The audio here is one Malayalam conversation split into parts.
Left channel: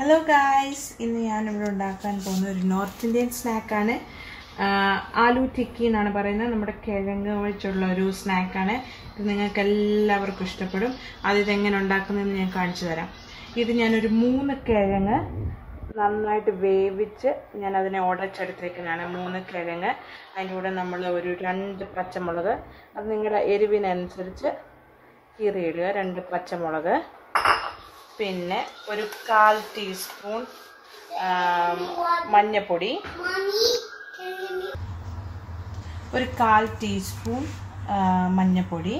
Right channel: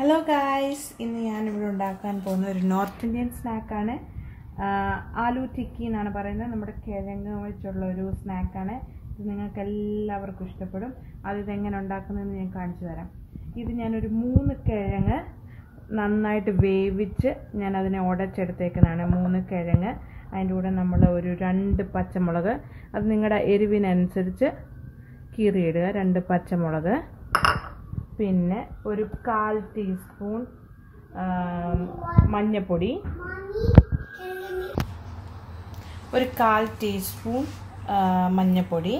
Hello guys, in the North Indian snack Aloo Tikki is a snack. This is a നന്നായിട്ട് വേവിച്ച് ഞാൻ അതിനെ ഉടച്ചെടുത്തേക്കാണ് 3 കിഴങ്ങ് അതിന്റെ കൂടെ നമ്മൾ ഒരു 2 പച്ചമുളക് അത് നിങ്ങളുടെ എരിവിനനുസരിച്ച് കീറിയിടുക 2 പച്ചമുളക് പിന്നെ ഒരു 1/4 ടീസ്പൂൺ മഞ്ഞൾപ്പൊടി ഒരു 1/4 ടീസ്പൂൺ മഞ്ഞൾപ്പൊടി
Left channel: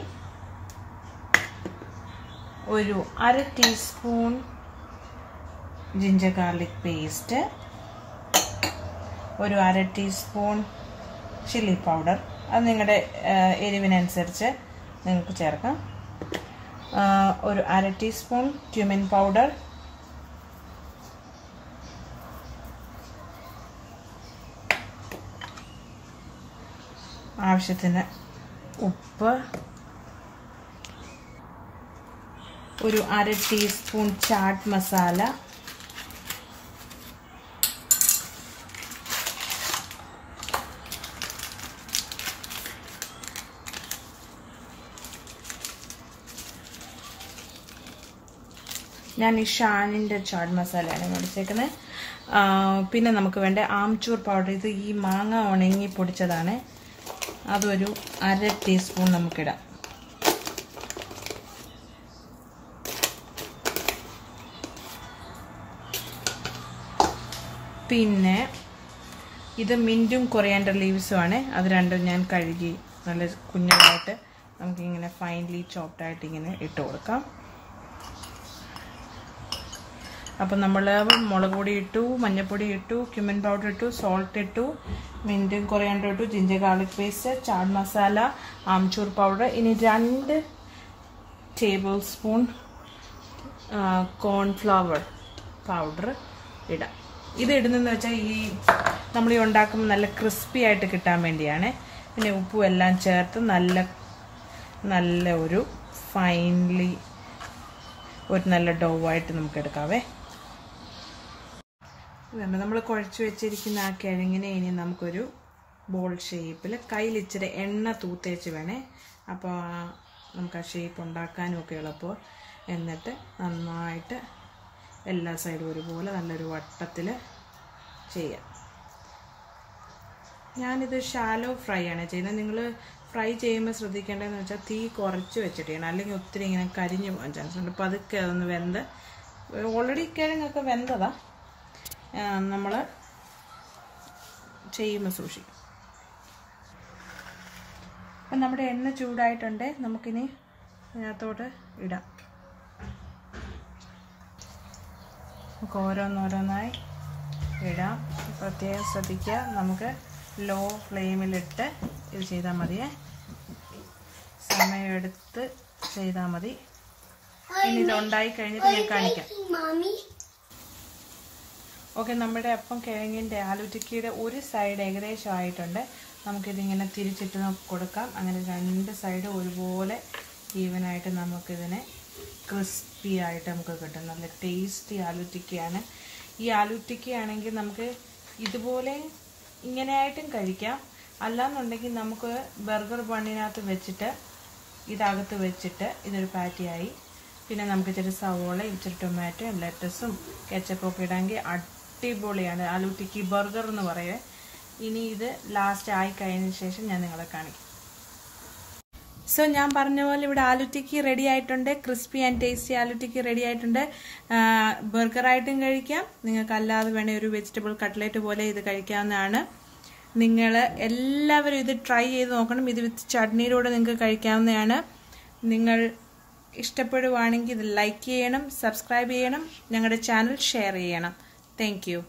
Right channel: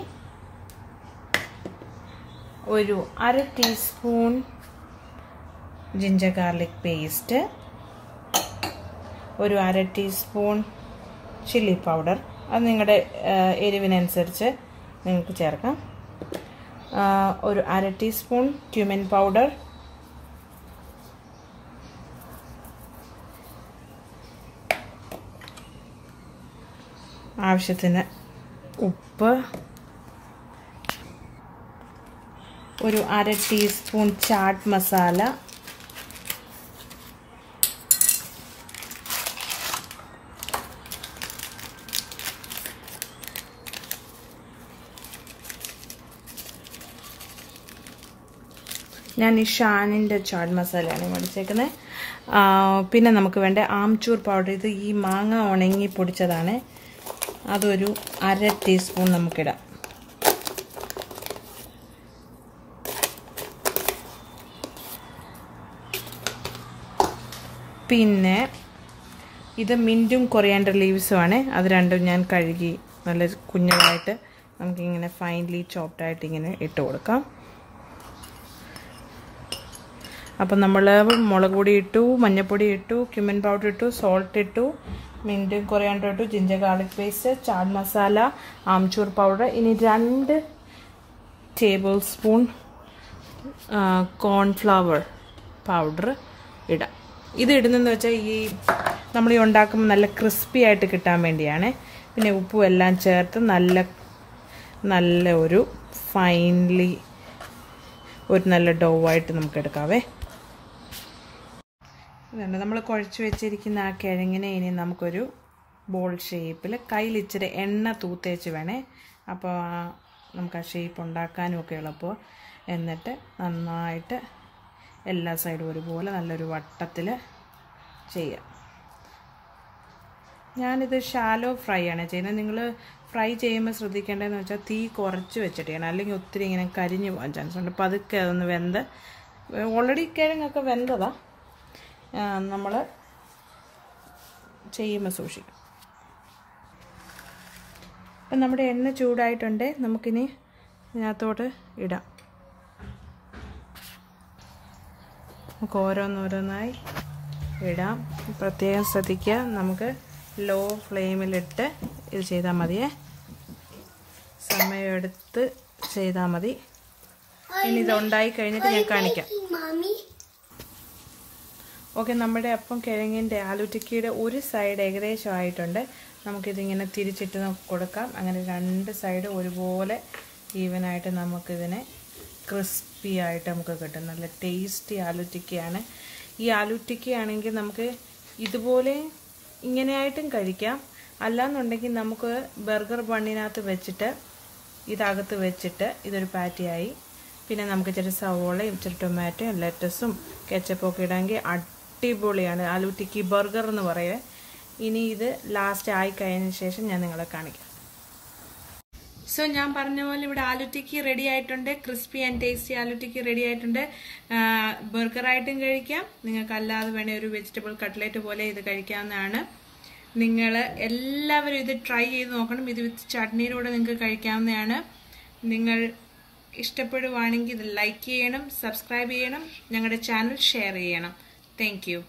ഒരു 1/2 ടീസ്പൂൺ gingergarlic paste, ഒരു 1/2 ടീസ്പൂൺ chilli powder. അത് നിങ്ങളുടെ എരിവിനനുസരിച്ച് നിങ്ങൾക്ക് ചേർക്കാം. ഒരു 1/2 ടീസ്പൂൺ cumin powder, ആവശ്യത്തിന് ഉപ്പ്, ഒരു 1/2 ടീസ്പൂൺ chaat masala, ഞാൻ ഈ ഷാനിന്റെ ചാട്ട് മസാലയാണ് മേടിച്ചേക്കുന്നത്. പിന്നെ നമുക്ക് വേണ്ട ആംചൂർ പൗഡർ, ഇത് ഈ മാങ്ങ ഉണങ്ങി പൊടിച്ചതാണ്, അതൊരു 1/2 ടീസ്പൂൺ നമുക്കിടാം. പിന്നെ ഇത് മിന്റും കൊറിയാണ്ടർ ലീവ്സും ആണ്. അത് രണ്ടും ഞാൻ കഴുകി നല്ല കുഞ്ഞതായിട്ട് നമുക്കിങ്ങനെ ഫൈൻലി ചോപ്ഡ് ആയിട്ട് ഇങ്ങനെ ഇട്ട് കൊടുക്കാം. അപ്പോൾ നമ്മൾ മുളക് പൊടി ഇട്ടു, മഞ്ഞൾപ്പൊടി ഇട്ടു, ക്യുമിൻ പൗഡർ ഇട്ടു, സോൾട്ട് ഇട്ടു, മിന്റും കൊറിയാണ്ടർ ഇട്ടു, ginger garlic paste, chaat masala, amchur powder. ഇനി 2 ടേബിൾ സ്പൂൺ കോൺഫ്ലവർ പൗഡർ ഇടാം. ഇത് ഇടുന്നതെന്ന് വെച്ചാൽ ഈ നമ്മൾ ഈ ഉണ്ടാക്കുമ്പോൾ നല്ല ക്രിസ്പി ആയിട്ട് കിട്ടാൻ വേണ്ടിയാണ്. പിന്നെ ഉപ്പും എല്ലാം ചേർത്ത് നല്ല ഒരു ഫൈൻലി ഒരു നല്ല ഡോ ആയിട്ട് നമുക്ക് എടുക്കാവേ. നമ്മൾ കുഴച്ച് വെച്ചിരിക്കുന്ന ആ കിഴങ്ങിനെ ഇനി നമുക്കൊരു ബോൾ ഷേപ്പിൽ കയ്യിൽ ഇച്ചിരി എണ്ണ തൂത്തേച്ച് വേണേ, അപ്പോൾ നമുക്ക് ആ ഷേപ്പ് ഉണ്ടാക്കാനും ഒക്കെ എളുപ്പം. എന്നിട്ട് നന്നായിട്ട് എല്ലാ സൈഡും ഒരുപോലെ നല്ലൊരു വട്ടത്തിൽ ചെയ്യാം. ഞാനിത് ഷാലോ ഫ്രൈ ആണ് ചെയ്യുന്നത്. നിങ്ങൾ ഫ്രൈ ചെയ്യുമ്പോൾ ശ്രദ്ധിക്കേണ്ടതെന്ന് വെച്ചാൽ തീ കുറച്ച് വെച്ചിട്ട് ചെയ്യണം, അല്ലെങ്കിൽ ഒത്തിരി ഇങ്ങനെ കരിഞ്ഞു പോകാൻ ചാൻസ് ഉണ്ട്. പതുക്കെ അതൊന്ന് വെന്ത്, ഓൾറെഡി കിഴങ്ങൊക്കെ വെന്തതാ, നമ്മൾ ചെയ്യുമ്പോൾ സൂക്ഷിക്കും. നമ്മുടെ എണ്ണ ചൂടായിട്ടുണ്ട്, നമുക്കിനി ഇതിനകത്തോട്ട് ഇടാം. നമുക്ക് ഓരോന്നോരോന്നായി ഇടാം. പ്രത്യേകം ശ്രദ്ധിക്കുക, നമുക്ക് ലോ ഫ്ലെയിമിലിട്ട് ഇത് ചെയ്താൽ മതിയേ, സമയമെടുത്ത് ചെയ്താൽ മതി. ഇനി ഇത് ഉണ്ടായി കഴിഞ്ഞിട്ട് ഞാൻ കാണിക്കാം. ഓക്കെ, നമ്മുടെ അപ്പം കിഴങ്ങിൻ്റെ ആലൂ ടിക്കിയുടെ ഒരു സൈഡ് ഏകദേശം ആയിട്ടുണ്ട്. നമുക്കിതിങ്ങനെ തിരിച്ചിട്ട് കൊടുക്കാം. അങ്ങനെ 2 സൈഡ് ഒരുപോലെ ഈവനായിട്ട് നമുക്കിതിനെ ക്രിസ്പി ആയിട്ട് നമുക്ക് കിട്ടും. നല്ല ടേസ്റ്റി ആലൂ ടിക്കിയാണ്. ഈ ആലൂ ടിക്കി ആണെങ്കിൽ നമുക്ക് ഇതുപോലെ ഇങ്ങനെയായിട്ടും കഴിക്കാം, അല്ലാന്നുണ്ടെങ്കിൽ നമുക്ക് ബർഗർ ബണ്ണിനകത്ത് വെച്ചിട്ട് ഇതകത്ത് വെച്ചിട്ട് ഇതൊരു പാറ്റിയായി. പിന്നെ നമുക്ക് ഇച്ചിരി സവോളയും ഇച്ചിരി ടൊമാറ്റോയും ലെറ്റസും കെച്ചപ്പൊക്കെ ഇടാമെങ്കിൽ അടിപൊളിയാണ് ആലൂ ടിക്കി ബർഗർ എന്ന് പറയുവേ. ഇനി ഇത് ലാസ്റ്റ് ആയി കഴിഞ്ഞതിന് ശേഷം ഞാൻ നിങ്ങളെ കാണിക്കാം. സോ ഞാൻ പറഞ്ഞ പോലെ ഇവിടെ ആലൂ ടിക്കി റെഡി ആയിട്ടുണ്ട്. Crispy and tasty aloo tikki ready ആയിട്ടുണ്ട്. ബർഗറായിട്ടും കഴിക്കാം, നിങ്ങൾക്ക് അല്ലാതെ വേണേൽ ഒരു വെജിറ്റബിൾ കട്ട്ലേറ്റ് പോലെ ഇത് കഴിക്കാവുന്നതാണ്. നിങ്ങൾ എല്ലാവരും ഇത് ട്രൈ ചെയ്ത് നോക്കണം. ഇത് വിത്ത് ചട്നിയിലൂടെ നിങ്ങൾക്ക് കഴിക്കാവുന്നതാണ്. നിങ്ങൾ ഇഷ്ടപ്പെടുവാണെങ്കിൽ ഇത് ലൈക്ക് ചെയ്യണം, സബ്സ്ക്രൈബ് ചെയ്യണം, ഞങ്ങളുടെ ചാനൽ ഷെയർ ചെയ്യണം. Thank you.